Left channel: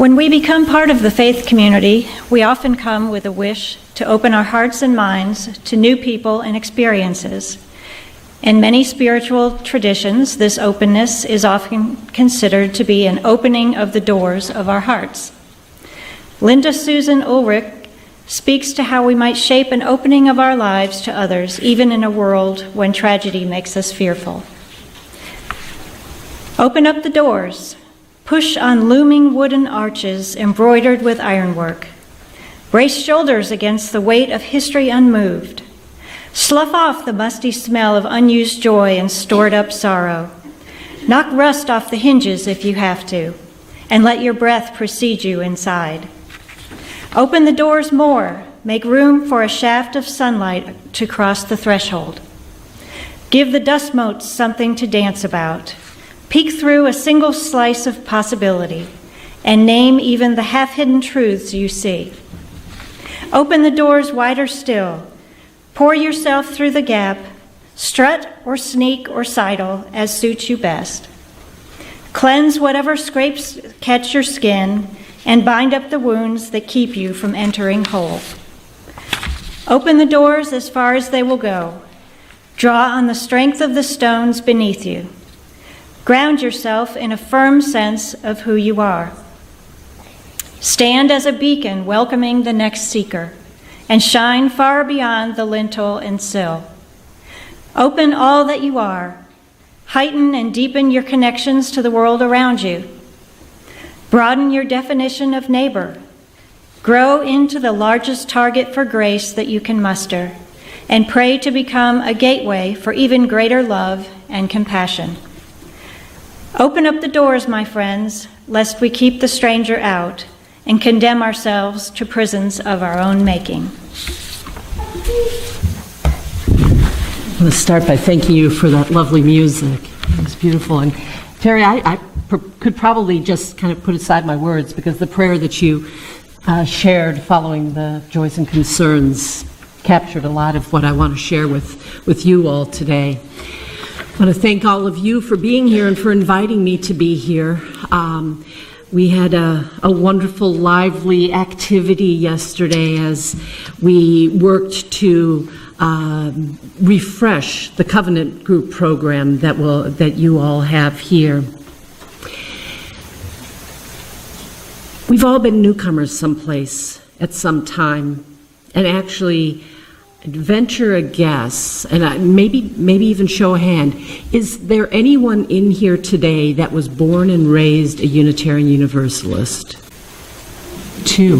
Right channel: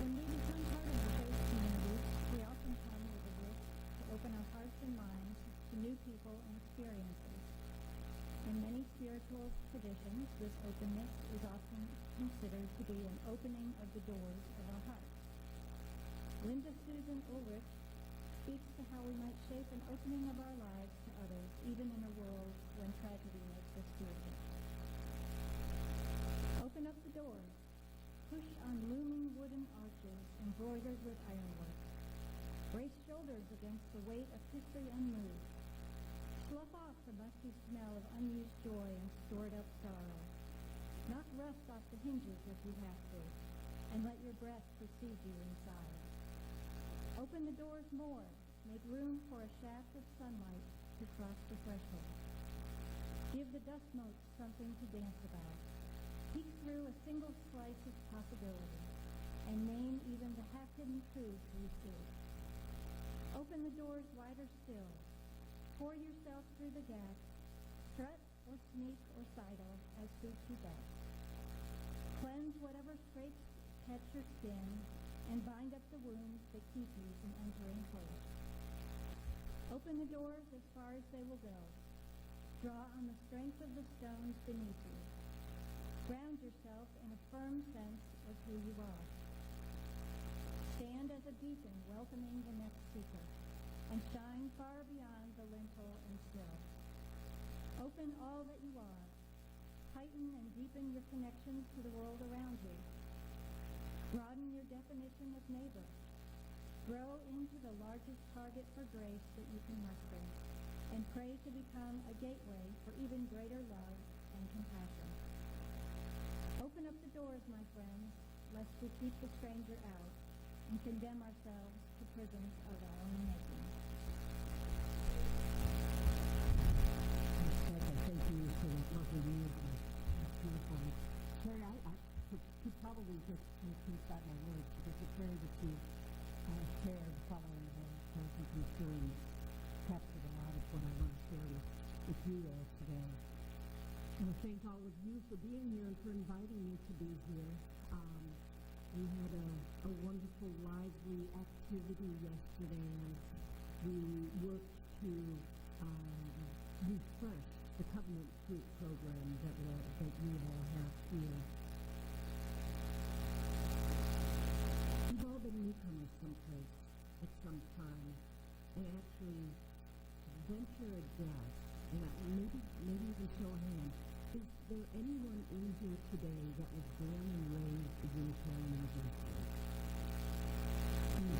When we become part of the faith community, we often come with a wish to open our hearts and minds to new people and experiences. In many spiritual traditions, this openness is often considered to be an opening of the doors of our hearts. Linda Susan Ulrich speaks to how we might shape an opening of our lives to others, even in a world when tragedy makes us fearful. Open up the doors. Push on looming wooden arches embroidered with ironwork. Brace shoulders against the weight of history unmoved. Slough off the musty smell of unused joy and stored up sorrow. Knock rust off the hinges if you have to, and let your breath precede you inside. Open the doors more. Make room for a shaft of sunlight to cross the threshold. Give the dust motes something to dance about. Peek through a single slice of possibility and name even the half-hidden truths you see. Open the doors wider still. Pour yourself through the gap. Strut or sneak or sidle as suits you best. Cleanse whatever scrapes catch your skin and bind up the wounds that keep you from entering whole. Open the doors as far as they will go. Draw on the strength of the stones beneath you. Ground yourself in a firm sense of who you are. Stand as a beacon welcoming the next seeker, and shine far beyond the lintel and sill. Open all that you are. Heighten and deepen your connections to the world around you. Broaden your definition of neighbor. Grow into the largest target for grace that you can muster, and pray to become a gateway for even greater love and compassion. Open up the doors, my friends, lest we keep the stranger out and condemn ourselves to prisons of our own making. I want to start by thanking you for that lovely music. It was beautiful. And Terry, I could probably just kind of put aside my words, because the prayer that you shared following the joys and concerns captured a lot of what I want to share with you all today. I want to thank all of you for being here and for inviting me to be here. We had a wonderful, lively activity yesterday as we worked to refresh the Covenant Group program that you all have here. We've all been newcomers someplace at some time, and actually venture a guess, and maybe even show a hand. Is there anyone in here today that was born and raised a Unitarian Universalist? 2.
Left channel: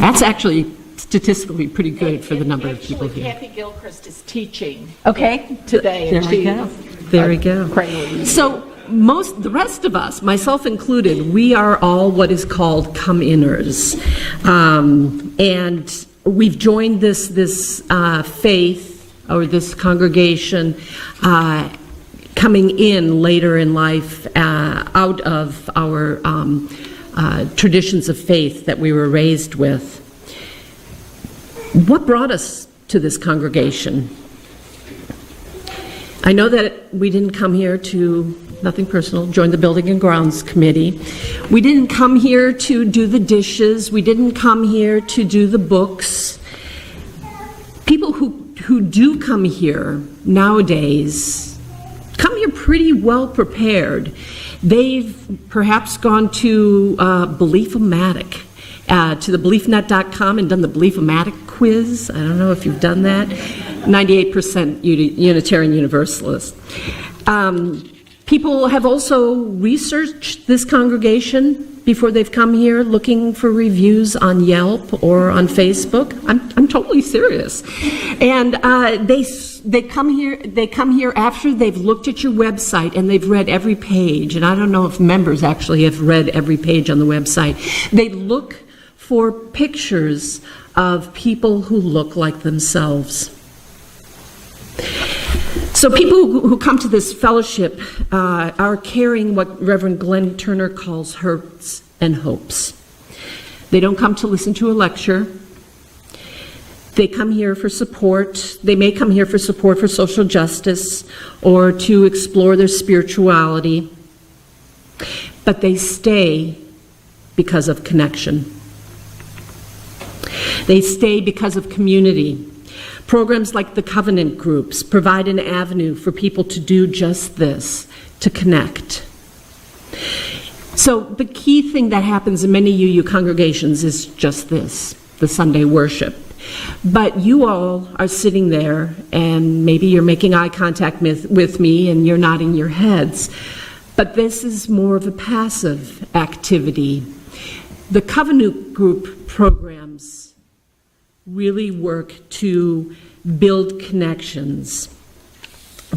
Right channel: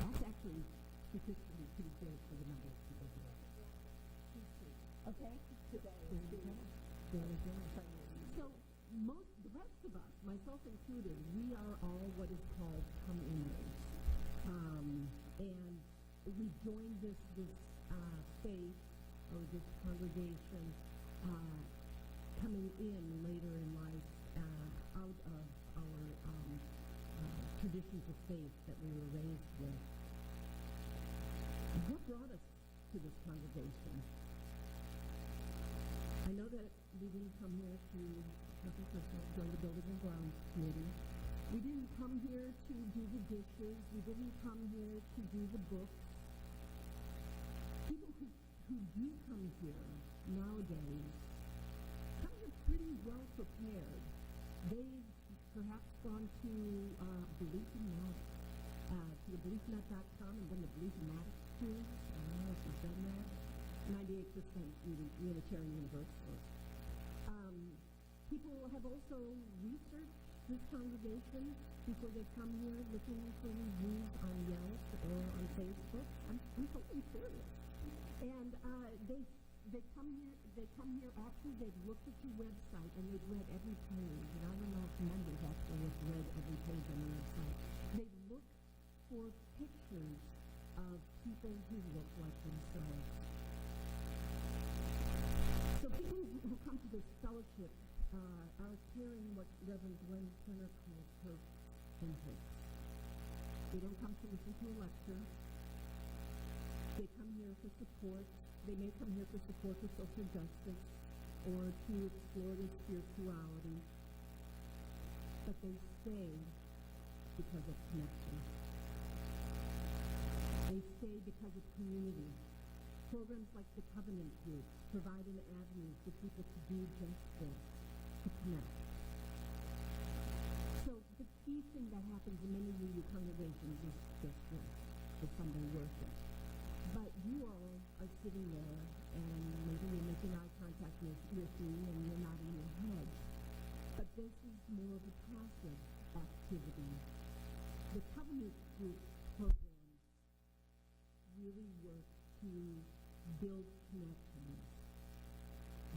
That's actually statistically pretty good for the number of people here. Kathy Gilchrist is teaching There today. we go. There we go. So the rest of us, myself included, we are all what is called come-inners. And we've joined this faith, or this congregation, coming in later in life out of our traditions of faith that we were raised with. What brought us to this congregation? I know that we didn't come here to, nothing personal, join the Building and Grounds Committee. We didn't come here to do the dishes. We didn't come here to do the books. People who do come here nowadays come here pretty well prepared. They've perhaps gone to Belief-O-Matic, to the BeliefNet.com and done the Belief-O-Matic quiz. I don't know if you've done that. 98% Unitarian Universalist. People have also researched this congregation before they've come here, looking for reviews on Yelp or on Facebook. I'm totally serious. And they come here after they've looked at your website and they've read every page. And I don't know if members actually have read every page on the website. They look for pictures of people who look like themselves. So people who come to this fellowship are carrying what Reverend Glenn Turner calls hurts and hopes. They don't come to listen to a lecture. They come here for support. They may come here for support for social justice or to explore their spirituality. But they stay because of connection. They stay because of community. Programs like the Covenant groups provide an avenue for people to do just this, to connect. So the key thing that happens in many UU congregations is just this, the Sunday worship. But you all are sitting there, and maybe you're making eye contact with me and you're nodding your heads. But this is more of a passive activity. The Covenant group programs really work to build connections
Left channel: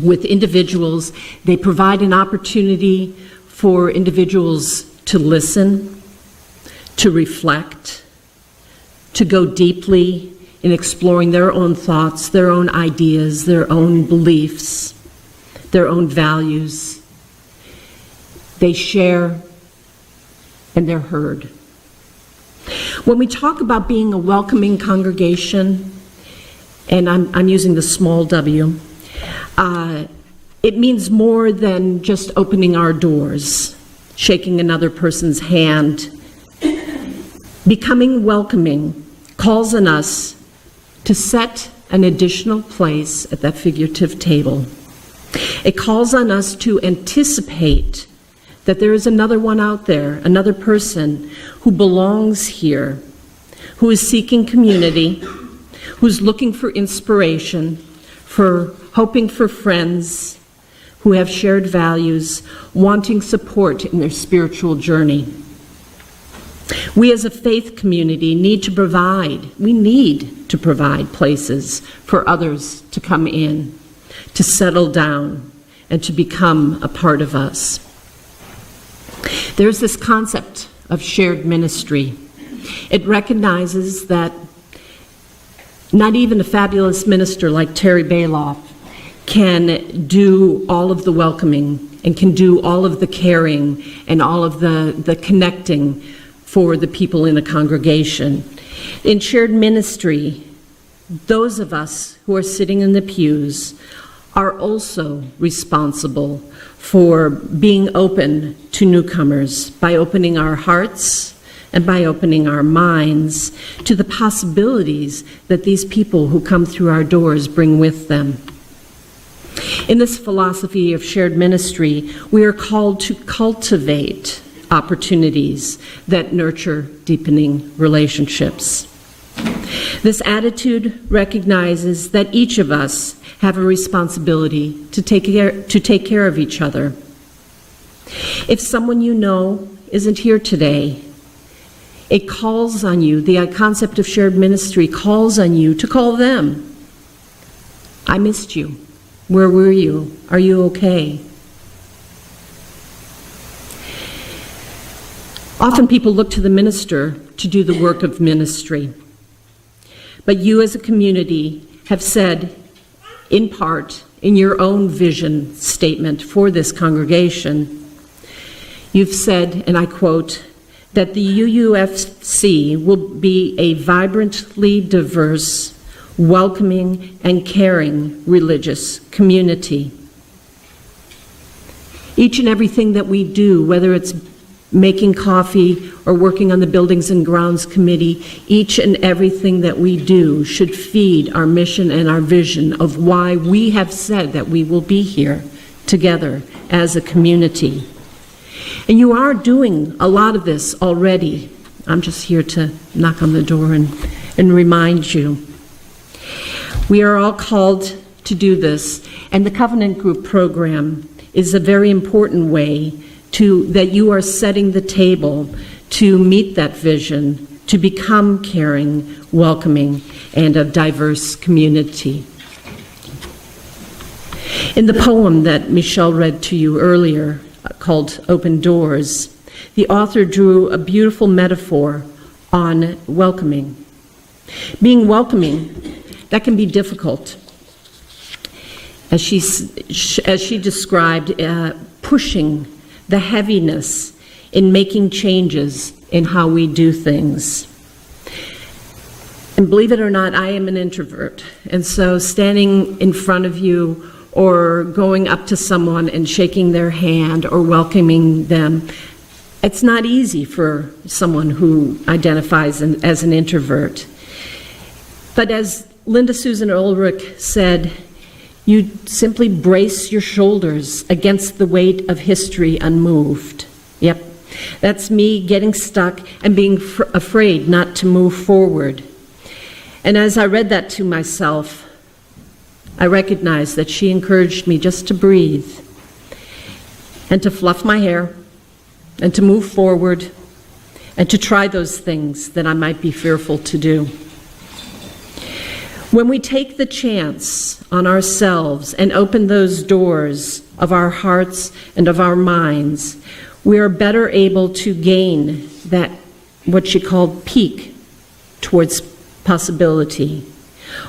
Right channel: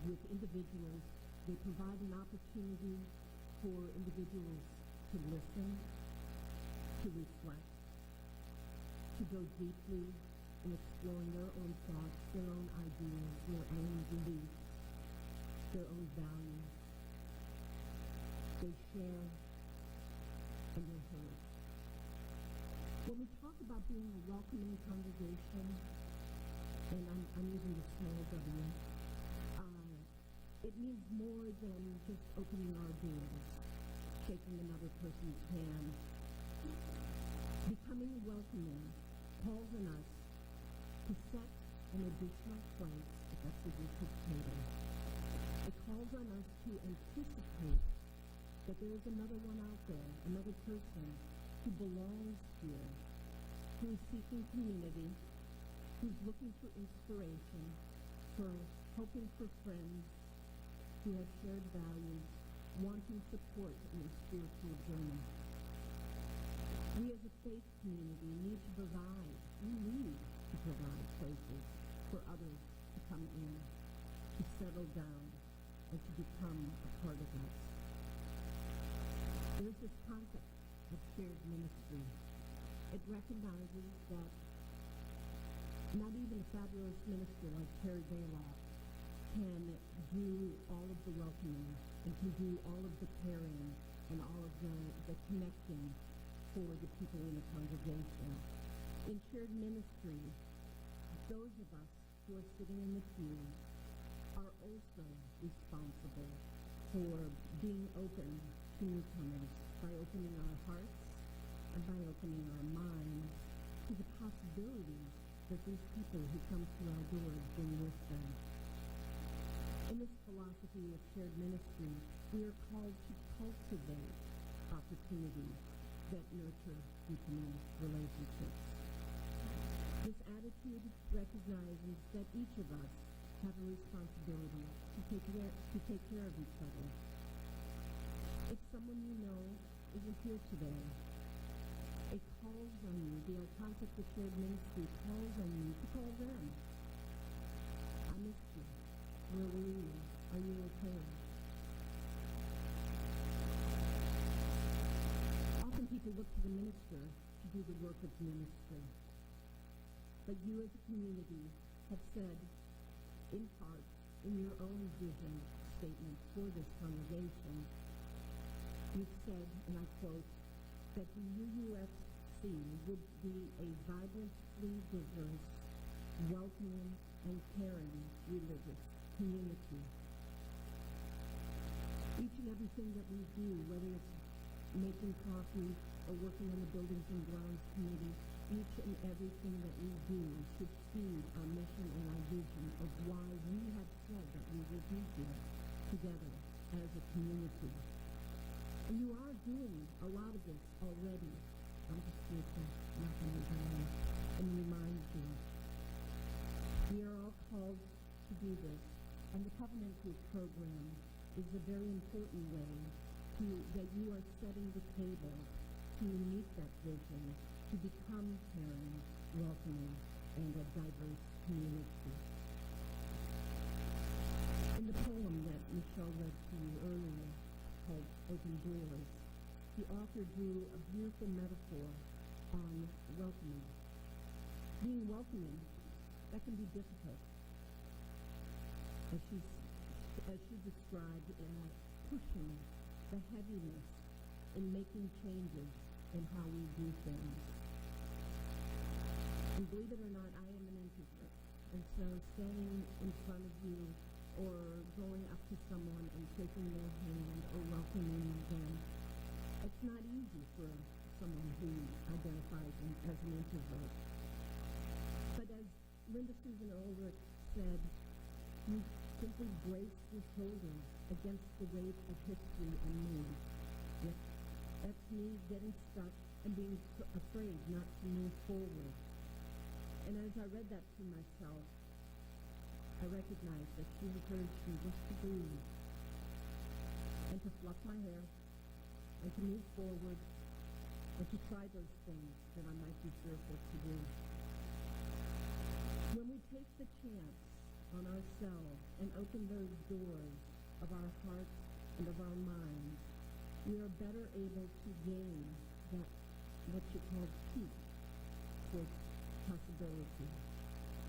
with individuals. They provide an opportunity for individuals to listen, to reflect, to go deeply in exploring their own thoughts, their own ideas, their own beliefs, their own values. They share and they're heard. When we talk about being a welcoming congregation, and I'm using the small w, it means more than just opening our doors, shaking another person's hand. Becoming welcoming calls on us to set an additional place at that figurative table. It calls on us to anticipate that there is another one out there, another person who belongs here, who is seeking community, who's looking for inspiration, for hoping for friends who have shared values, wanting support in their spiritual journey. We as a faith community need to provide places for others to come in, to settle down, and to become a part of us. There's this concept of shared ministry. It recognizes that not even a fabulous minister like Terry Bailoff can do all of the welcoming and can do all of the caring and all of the connecting for the people in a congregation. In shared ministry, those of us who are sitting in the pews are also responsible for being open to newcomers by opening our hearts and by opening our minds to the possibilities that these people who come through our doors bring with them. In this philosophy of shared ministry, we are called to cultivate opportunities that nurture deepening relationships. This attitude recognizes that each of us have a responsibility to take care of each other. If someone you know isn't here today, it calls on you, the concept of shared ministry calls on you to call them. I missed you. Where were you? Are you okay? Often people look to the minister to do the work of ministry. But you as a community have said, in part, in your own vision statement for this congregation, you've said, and I quote, that the UUFC will be a vibrantly diverse, welcoming, and caring religious community. Each and everything that we do, whether it's making coffee or working on the Buildings and Grounds Committee, each and everything that we do should feed our mission and our vision of why we have said that we will be here together as a community. And you are doing a lot of this already. I'm just here to knock on the door and remind you. We are all called to do this, and the Covenant Group program is a very important way that you are setting the table to meet that vision, to become caring, welcoming, and a diverse community. In the poem that Michelle read to you earlier, called Open Doors, the author drew a beautiful metaphor on welcoming. Being welcoming, that can be difficult. As she described, pushing the heaviness in making changes in how we do things. And believe it or not, I am an introvert. And so standing in front of you or going up to someone and shaking their hand or welcoming them, It's not easy for someone who identifies as an introvert. But as Linda Susan Ulrich said, you simply brace your shoulders against the weight of history unmoved. Yep, that's me getting stuck and being afraid not to move forward. And as I read that to myself, I recognized that she encouraged me just to breathe and to fluff my hair and to move forward and to try those things that I might be fearful to do. When we take the chance on ourselves and open those doors of our hearts and of our minds, we are better able to gain that, what she called, peak towards possibility,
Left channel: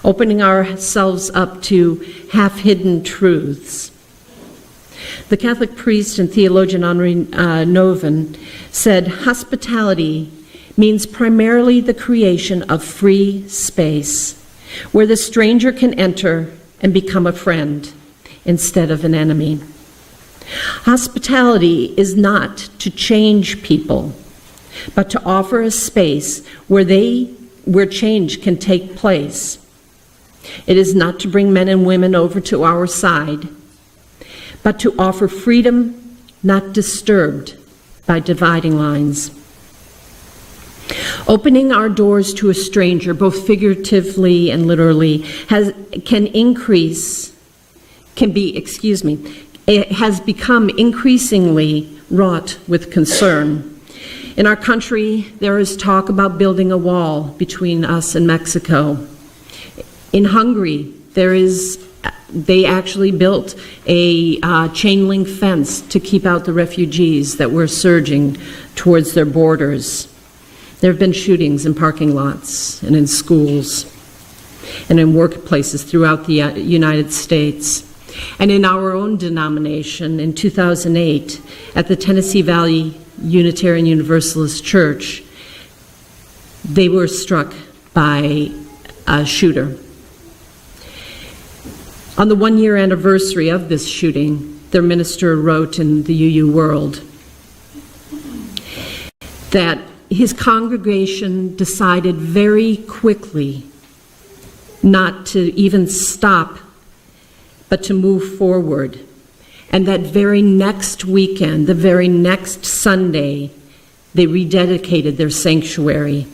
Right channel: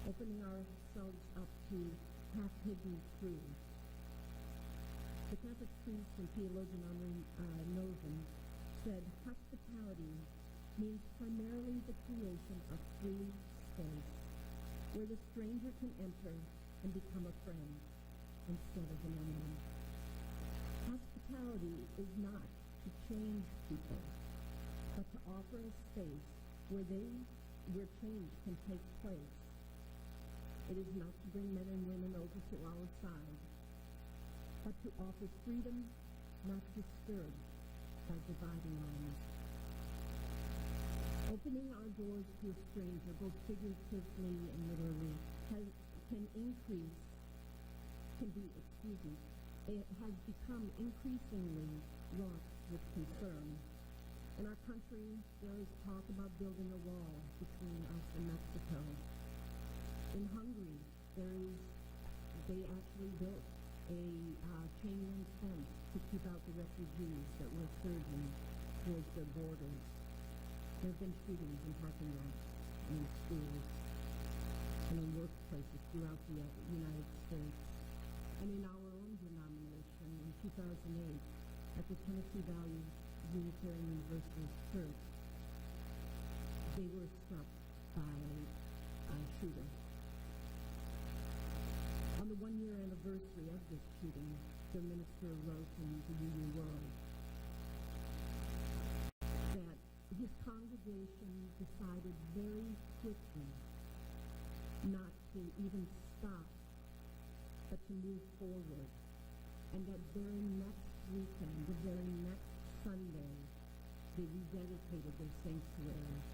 opening ourselves up to half-hidden truths. The Catholic priest and theologian Henri Nouwen said, "Hospitality means primarily the creation of free space, where the stranger can enter and become a friend instead of an enemy." Hospitality is not to change people, but to offer a space where change can take place. It is not to bring men and women over to our side, but to offer freedom not disturbed by dividing lines. Opening our doors to a stranger, both figuratively and literally, it has become increasingly wrought with concern. In our country, there is talk about building a wall between us and Mexico. In Hungary, they actually built a chain link fence to keep out the refugees that were surging towards their borders. There have been shootings in parking lots and in schools and in workplaces throughout the United States. And in our own denomination, in 2008, at the Tennessee Valley Unitarian Universalist Church, they were struck by a shooter. On the one-year anniversary of this shooting, their minister wrote in the UU World that his congregation decided very quickly not to even stop, but to move forward. And that very next weekend, the very next Sunday, they rededicated their sanctuary.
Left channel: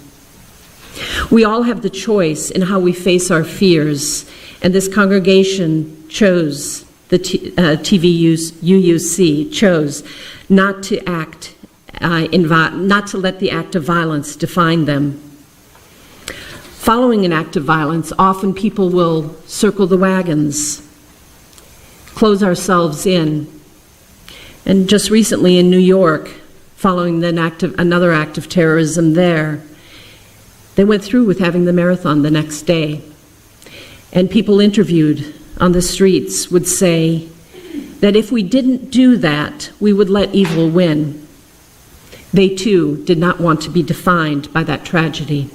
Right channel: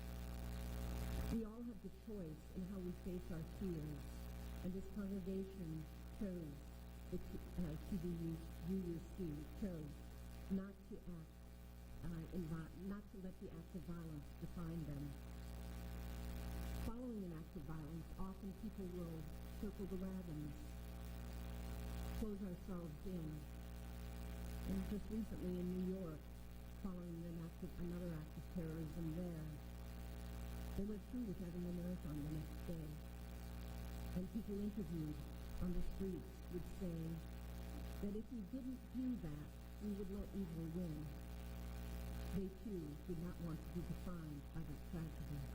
We all have the choice in how we face our fears, and this congregation chose, the UUC chose not to not to let the act of violence define them. Following an act of violence, often people will circle the wagons, close ourselves in. And just recently in New York, following another act of terrorism there, they went through with having the marathon the next day. And people interviewed on the streets would say that if we didn't do that, we would let evil win. They too did not want to be defined by that tragedy.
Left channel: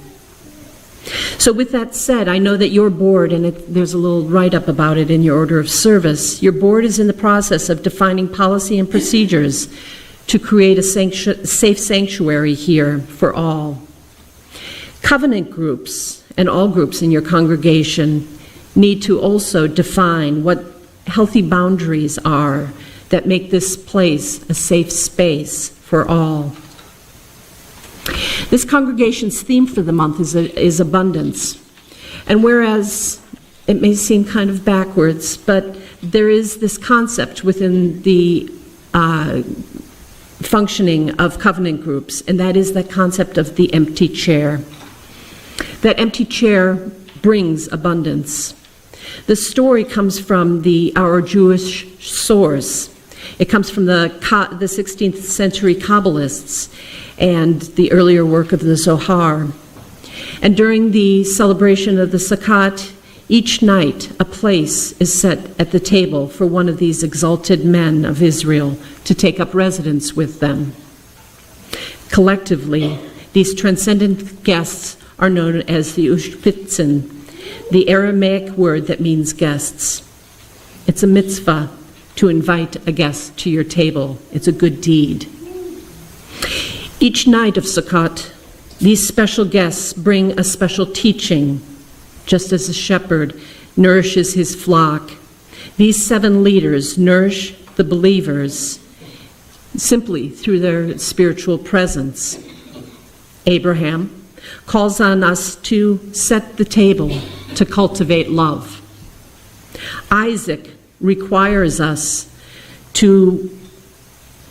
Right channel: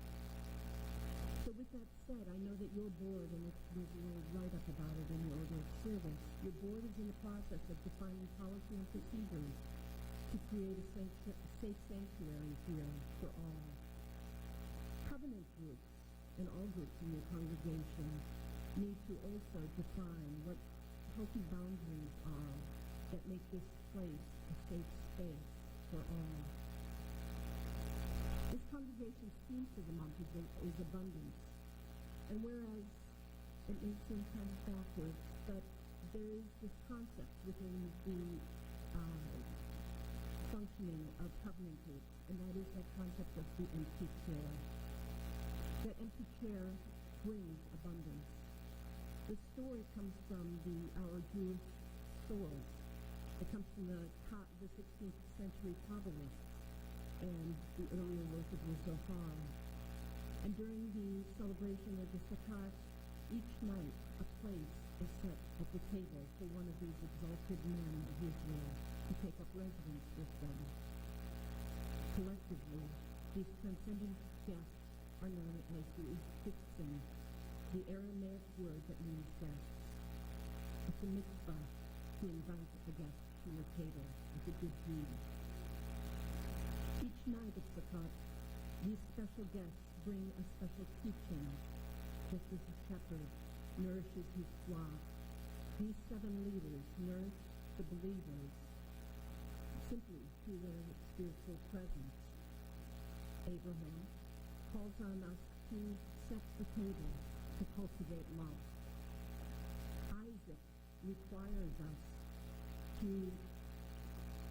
So with that said, I know that your board, and there's a little write-up about it in your order of service, your board is in the process of defining policy and procedures to create a safe sanctuary here for all. Covenant groups and all groups in your congregation need to also define what healthy boundaries are that make this place a safe space for all. This congregation's theme for the month is abundance. And whereas it may seem kind of backwards, but there is this concept within the functioning of covenant groups, and that is that concept of the empty chair. That empty chair brings abundance. The story comes from our Jewish source. It comes from the 16th century Kabbalists and the earlier work of the Zohar. And during the celebration of the Sukkot, each night a place is set at the table for one of these exalted men of Israel to take up residence with them. Collectively, these transcendent guests are known as the Ushpitzen, the Aramaic word that means guests. It's a mitzvah to invite a guest to your table. It's a good deed. Each night of Sukkot, these special guests bring a special teaching, just as a shepherd nourishes his flock. These 7 leaders nourish the believers simply through their spiritual presence. Abraham calls on us to set the table, to cultivate love. Isaac requires us to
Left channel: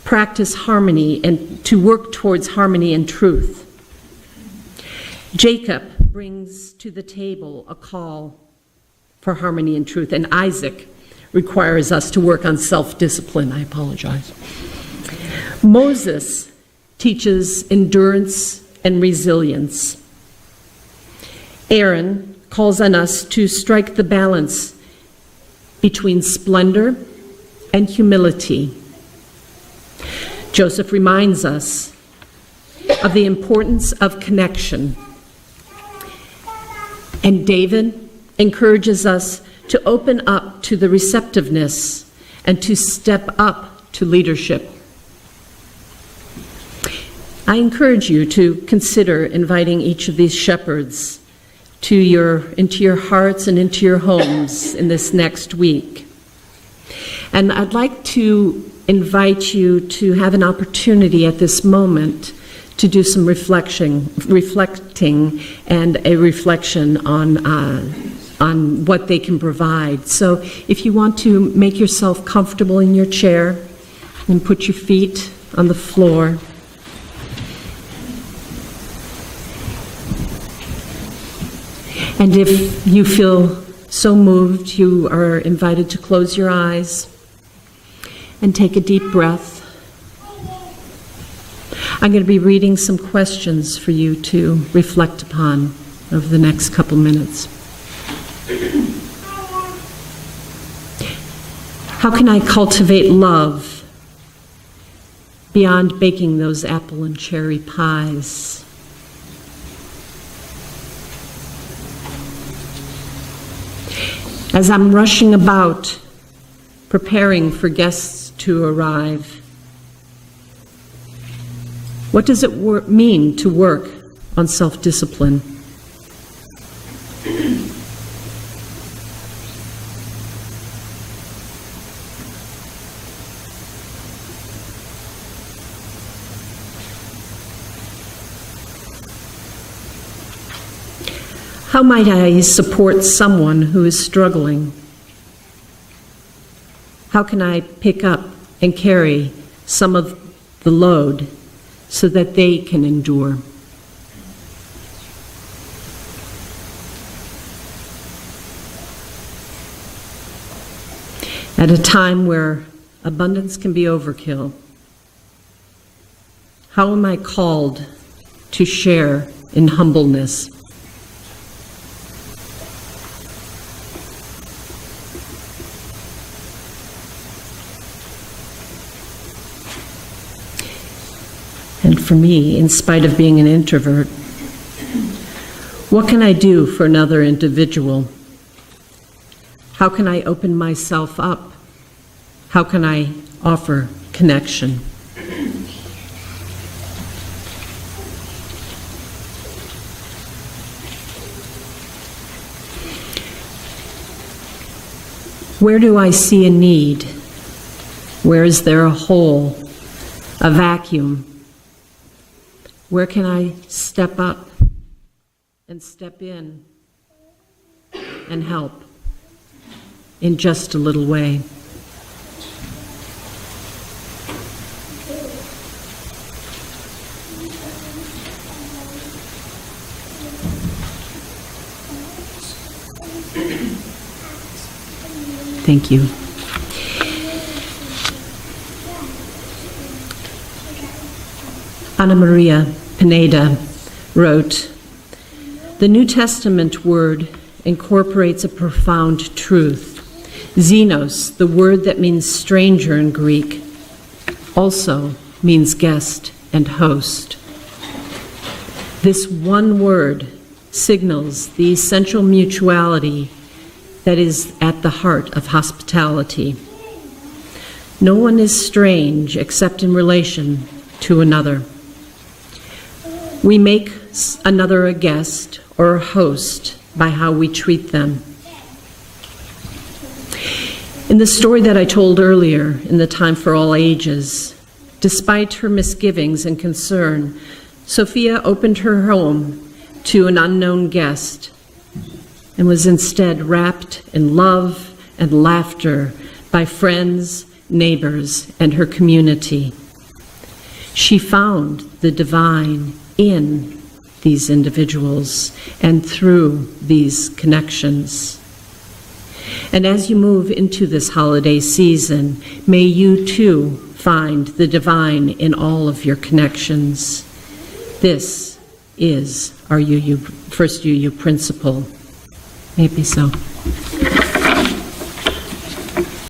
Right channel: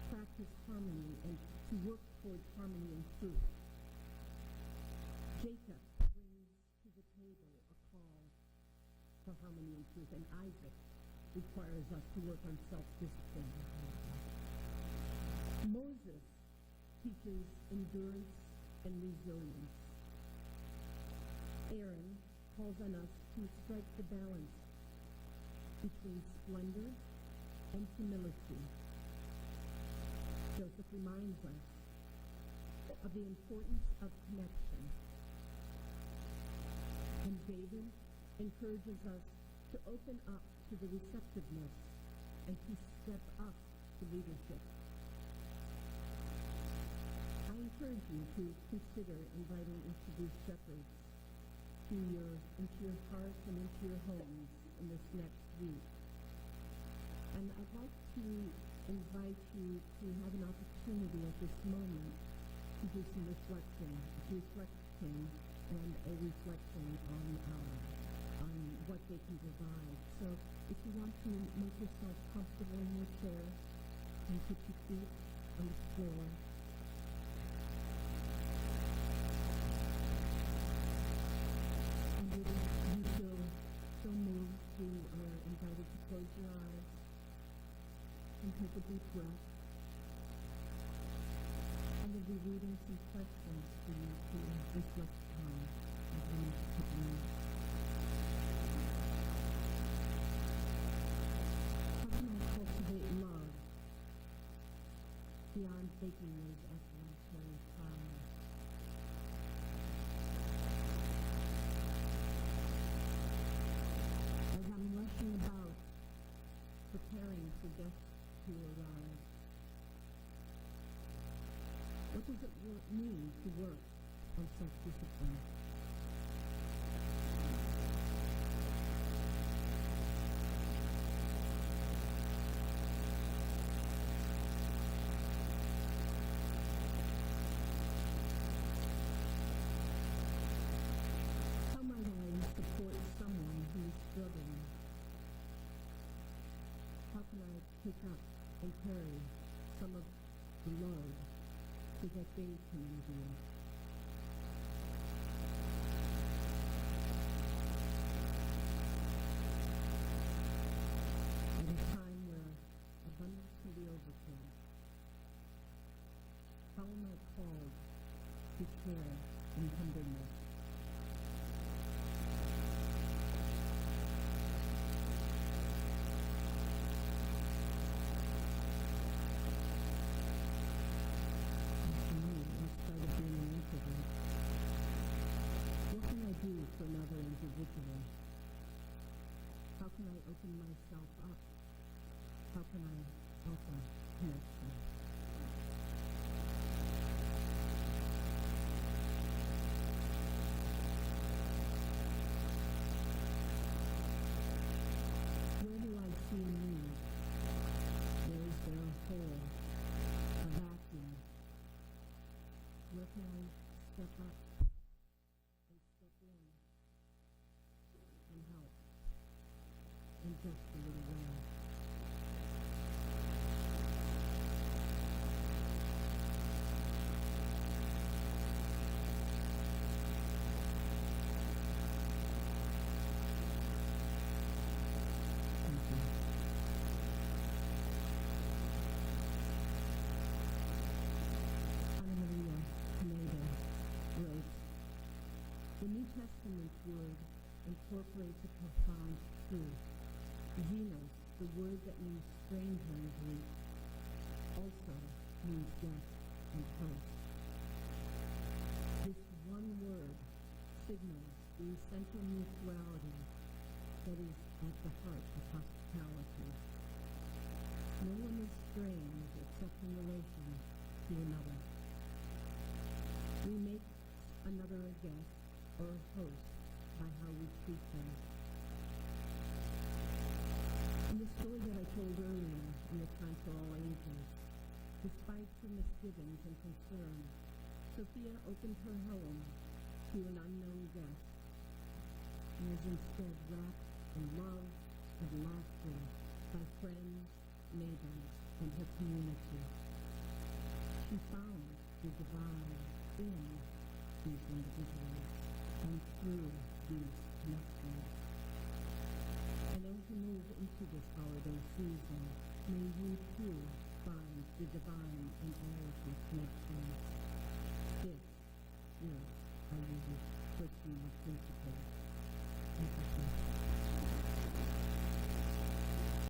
practice harmony and to work towards harmony and truth. Jacob brings to the table a call for harmony and truth, and Isaac requires us to work on self-discipline. I apologize. Moses teaches endurance and resilience. Aaron calls on us to strike the balance between splendor and humility. Joseph reminds us of the importance of connection. And David encourages us to open up to the receptiveness and to step up to leadership. I encourage you to consider inviting each of these shepherds into your hearts and into your homes in this next week. And I'd like to invite you to have an opportunity at this moment to do some reflecting and a reflection on what they can provide. So if you want to make yourself comfortable in your chair and put your feet on the floor. And if you feel so moved, you are invited to close your eyes and take a deep breath. I'm going to be reading some questions for you to reflect upon over the next couple minutes. How can I cultivate love beyond baking those apple and cherry pies? As I'm rushing about, preparing for guests to arrive, what does it mean to work on self-discipline? How might I support someone who is struggling? How can I pick up and carry some of the load so that they can endure? At a time where abundance can be overkill, how am I called to share in humbleness? And for me, in spite of being an introvert, what can I do for another individual? How can I open myself up? How can I offer connection? Where do I see a need? Where is there a hole, a vacuum? Where can I step up and step in and help in just a little way? Thank you. Ana Maria Pineda wrote, "The New Testament word incorporates a profound truth. Xenos, the word that means stranger in Greek, also means guest and host. This one word signals the essential mutuality that is at the heart of hospitality. No one is strange except in relation to another. We make another a guest or a host by how we treat them. In the story that I told earlier, in the Time for All Ages, despite her misgivings and concern, Sophia opened her home to an unknown guest and was instead wrapped in love and laughter by friends, neighbors, and her community. She found the divine in these individuals and through these connections. And as you move into this holiday season, may you too find the divine in all of your connections. This is our first UU principle. May it be so.